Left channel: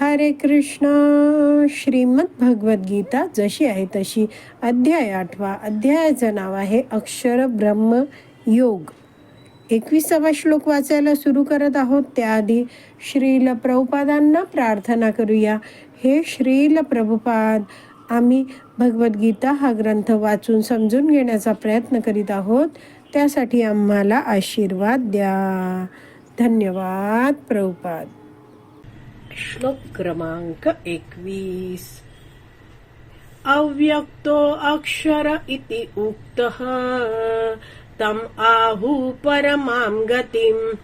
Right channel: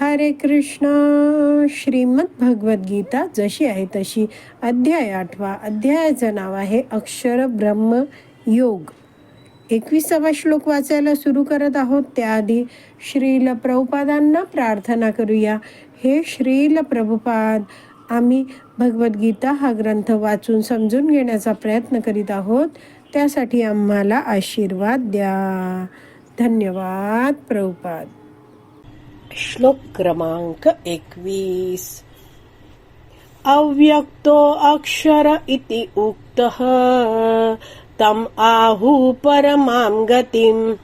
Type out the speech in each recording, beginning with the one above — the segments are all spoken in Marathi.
हरे कृष्ण. श्रीमद भगवद्गीता जशी आहे तशी अध्याय आठवा. अध्यायाचं नाव आहे अक्षर ब्रह्म योग. एकविसावा श्लोक वाचायला सुरू करत आहोत. त्याआधी श्रील प्रभुपादांना प्रार्थना करूया. हे श्रील प्रभुपाद आम्ही भगवद्गीता हा ग्रंथ वाचून समजून घेण्याचा प्रयत्न करीत आहोत. त्यासाठी आम्हाला आशीर्वाद द्या. धन्यवाद प्रभुपाद. श्लोक क्रमांक एकवीस. अव्यक्तो अक्षर इति उक्तः तम आहु परमां गतिं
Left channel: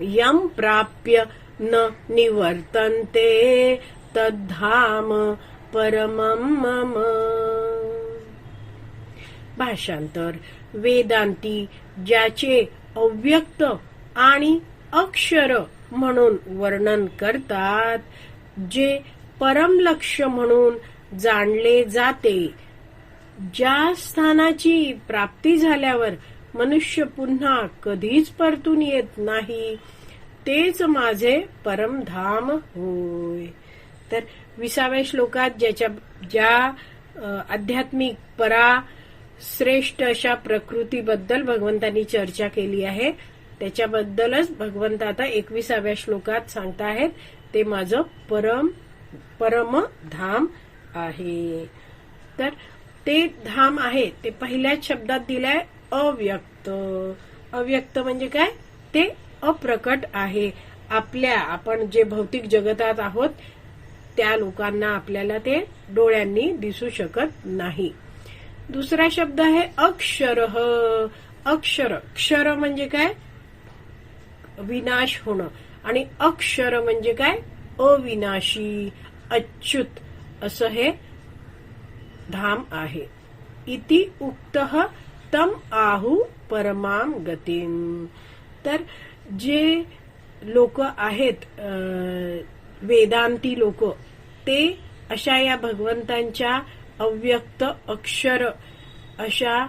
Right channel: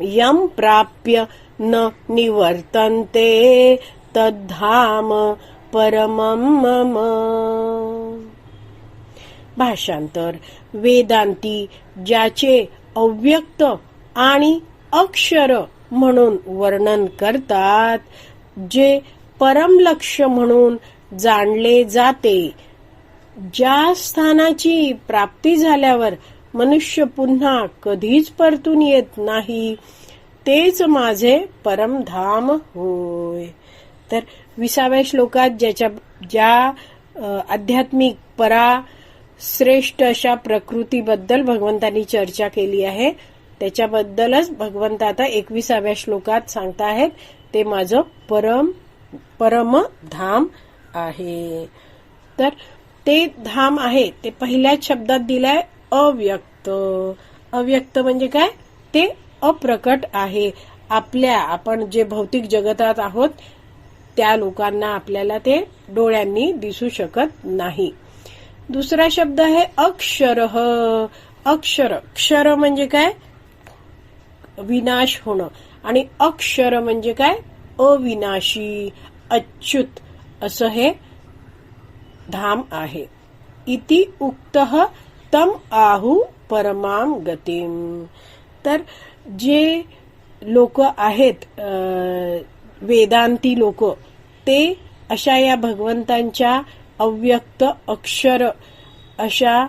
यं प्राप्य न निवर्तन्ते तद्धाम परमं मम। भाषांतर वेदांती ज्याचे अव्यक्त आणि अक्षर म्हणून वर्णन करतात जे परमलक्ष म्हणून जाणले जाते. ज्या स्थानाची प्राप्ती झाल्यावर मनुष्य पुन्हा कधीच परतून येत नाही तेच माझे परमधाम होय. तर विसाव्या श्लोकात ज्याच्या ज्या आध्यात्मिक परा श्रेष्ठ अशा प्रकृतीबद्दल भगवंतांनी चर्चा केली आहे त्याच्याबद्दलच भगवंत आता एकविसाव्या श्लोकात सांगताहेत. ते माझं परम परम धाम आहे. तर ते धाम आहे ते पहिल्याच शब्दात दिलंय अव्यक्त. अव्यक्त म्हणजे काय? ते अप्रकट आहे. आपल्या आपण जे भौतिक जगतात आहोत त्या लोकांना आपल्याला ते डोळ्यांनी दिसू शकत नाही. दुसरा शब्द आहे अक्षर. अक्षर क्षर म्हणजे काय? विनाश होणं. आणि अक्षर म्हणजे काय? अविनाशी अच्युत असं हे धाम आहे. इति उक्त तम आहू परमाम गतीम. तर जे लोक आहेत वेदांती लोक ते अशा या भगवंतांच्या अव्यक्त अक्षर अशा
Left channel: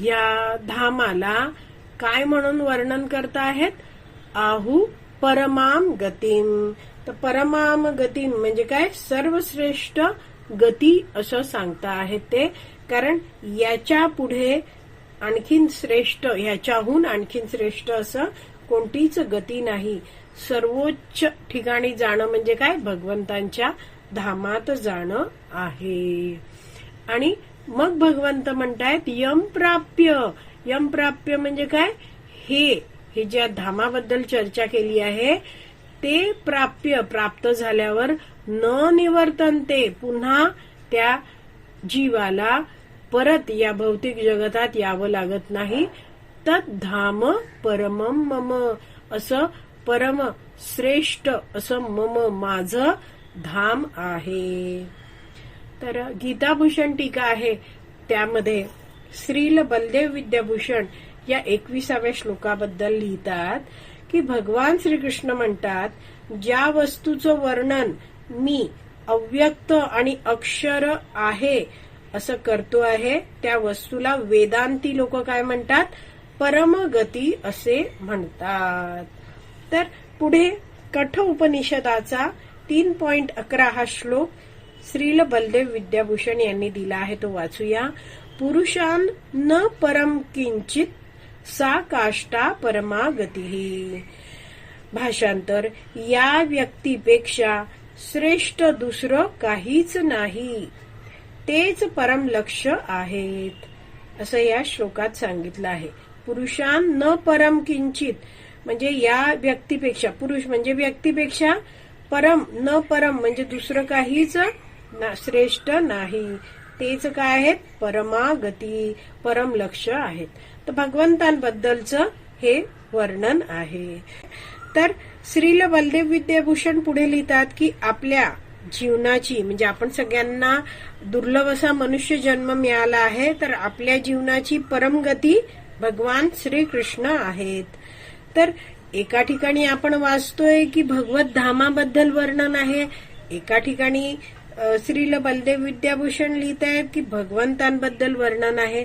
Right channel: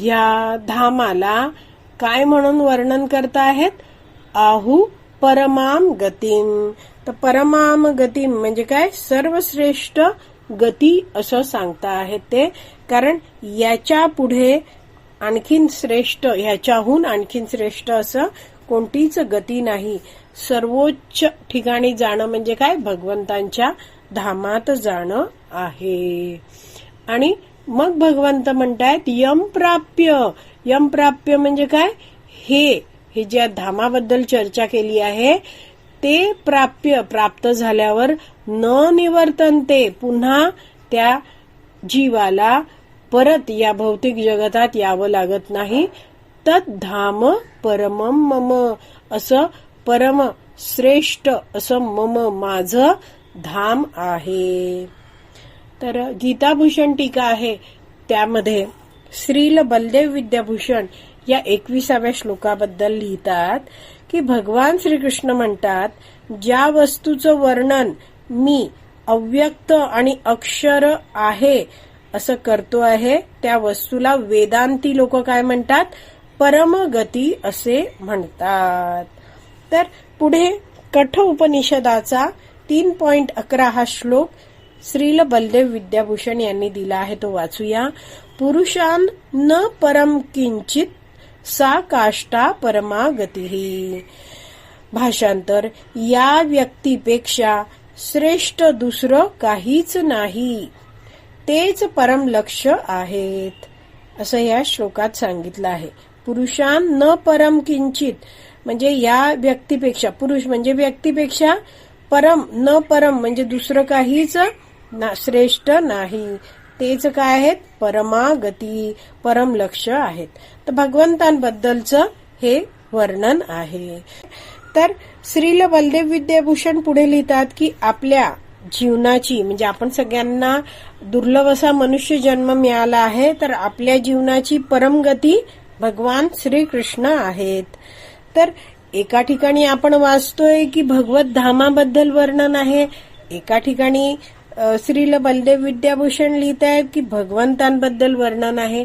या धामाला काय म्हणून वर्णन करता आहेत? आहू परमाम गतीम. तर परमाम गतीम म्हणजे काय? सर्वश्रेष्ठ गती असं सांगता आहेत ते. कारण याच्यापुढे आणखीन श्रेष्ठ ह्याच्याहून आणखीन श्रेष्ठ असं कोणतीच गती नाही. सर्वोच्च ठिकाणी जाणं म्हणजे काय? भगवंतांच्या धामात जाणं आहे. आणि मग भगवंत म्हणतायत यम प्राप्य. यम प्राप्य म्हणजे काय? हे हे ज्या धामाबद्दल चर्चा केली आहे ते प्राप्य प्राप्त झाल्यावर न निवर्तनते पुन्हा त्या जीवाला परत या भौतिक जगतात यावं लागत नाही. तत् धाम परम मम. असं परम श्रेष्ठ असं मम माझं धाम आहे. तर गीताभूषण टीका आहे त्यामध्ये श्रील बलदेव विद्याभूषण या एकविसाव्या श्लोकाबद्दल लिहितात की भगवान श्रीकृष्ण म्हणतात ज्या वस्तूचं वर्णन मी अव्यक्त आणि अक्षर आहे असं करतो आहे त्या वस्तूला वेदांती लोक काय म्हणतात? परमगती असे म्हणतात. तर पुढे कठ उपनिषदाचा तीन पॉइंट अकरा हा श्लोक श्रील बलदेव विद्याभूषण यांनी दिला आहे तो वाचूया. पुरुषान न परम किंचित सा काष्टा परमा गती। भाषांतर या व्यक्तीपेक्षा श्रेष्ठ दुसरं काहीच नाही। तेच परम लक्ष आहेत। असं या श्लोकात सांगितलं आहे। पुरुषान न परम किंचित म्हणजे या व्यक्तीपेक्षा पुरुष म्हणजे व्यक्तीपेक्षा परम न परम म्हणजे दुसरं काहीच ना श्रेष्ठ नाही। तेच काय आहेत? परमागती परम लक्ष आहेत. तर भगवंतांबद्दलचं हे वर्णन आहे. तर श्रील बलदेव विद्याभूषण पुढे लिहितात की आपल्या जीवनाची म्हणजे आपण सगळ्यांना दुर्लभ असा मनुष्य जन्म मिळाला आहे तर आपल्या जीवनाची परमगती भगवान श्रीकृष्ण आहेत. तर एका ठिकाणी आपण वाचतोय की भगवत धामाबद्दल वर्णन आहे एका ठिकाणी श्रील बलदेव विद्याभूषण लिहित आहेत की भगवंतांबद्दल वर्णन आहे.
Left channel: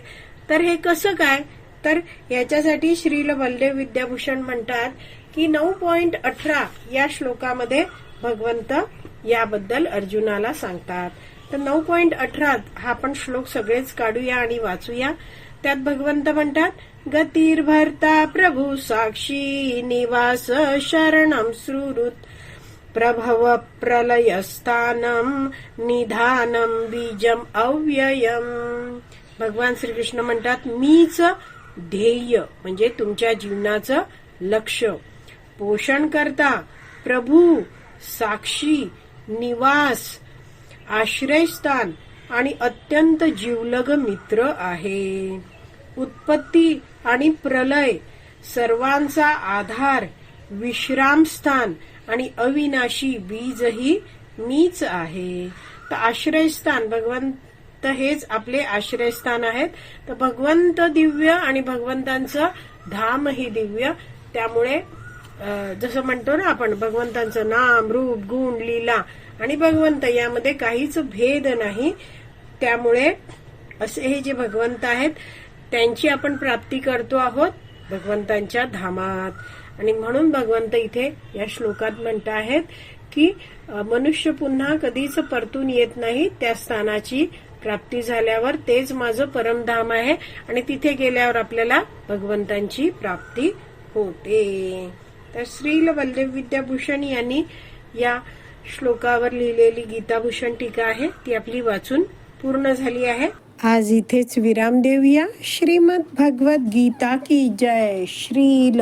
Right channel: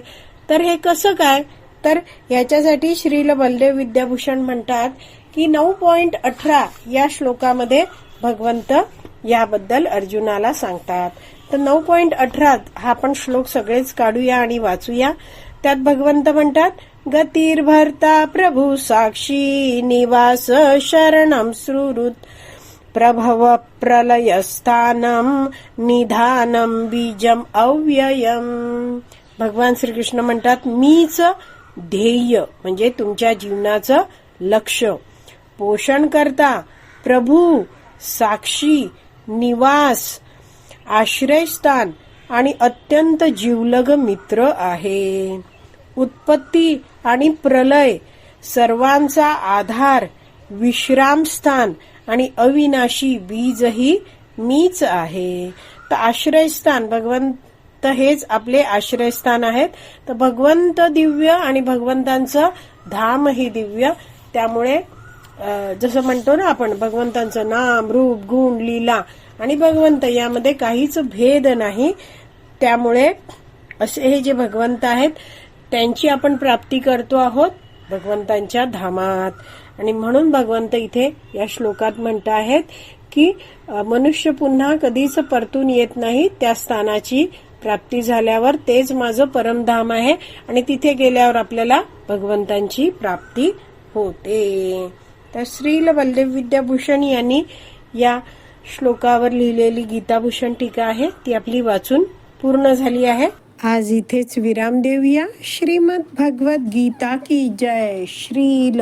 तर हे कसं काय? तर याच्यासाठी श्रील बलदेव विद्याभूषण म्हणतात की नऊ पॉइंट अठरा या श्लोकामध्ये भगवंत याबद्दल अर्जुनाला सांगतात. तर नऊ पॉइंट अठरा हा आपण श्लोक सगळेच काढूया आणि वाचूया. त्यात भगवंत म्हणतात गतीर्भरता प्रभू साक्षी निवास शरणम सुहृत प्रभव प्रलयस्थानम निधानम बीजम अव्ययम. भगवान श्रीकृष्ण म्हणतात मीच ध्येय म्हणजे तुमच्या जीवनाचं लक्ष. पोषण करता प्रभू साक्षी निवास आश्रयस्थान आणि अत्यंत जीवलग मित्र आहे. उत्पत्ती आणि प्रलय सर्वांचा आधार विश्रामस्थान आणि अविनाशी बीजही मीच आहे. तर आश्रयस्थान भगवंत हेच आपले आश्रयस्थान आहेत. तर भगवंत दिव्य आणि भगवंतांचं धाम ही दिव्य. त्यामुळे जसं म्हणतो ना आपण भगवंतांचं नाम रूप गुण लीला आणि भगवंत यामध्ये काहीच भेद नाही. त्यामुळे असे हे जे भगवंत आहेत त्यांची आपण प्राप्ती करतो आहोत भगवंतांच्या धामात. आणि म्हणून भगवंत इथे या श्लोकात म्हणत आहेत की मनुष्य पुन्हा कधीच परतून येत नाही त्या स्थानाची प्राप्ती झाल्यावर तेच माझं परमधाम आहे आणि तिथे गेल्यावर आपल्याला भगवंतांची प्राप्ती होते. तर श्रील वल्लभ विद्याभूषण यांनी या श्लोकावर लिहिलेली गीताभूषण टीका आहे ती आपली वाचून पूर्ण झाली आहे. आज इथेच विराम देऊया. श्रीमद भगवत गीता की जय. श्रील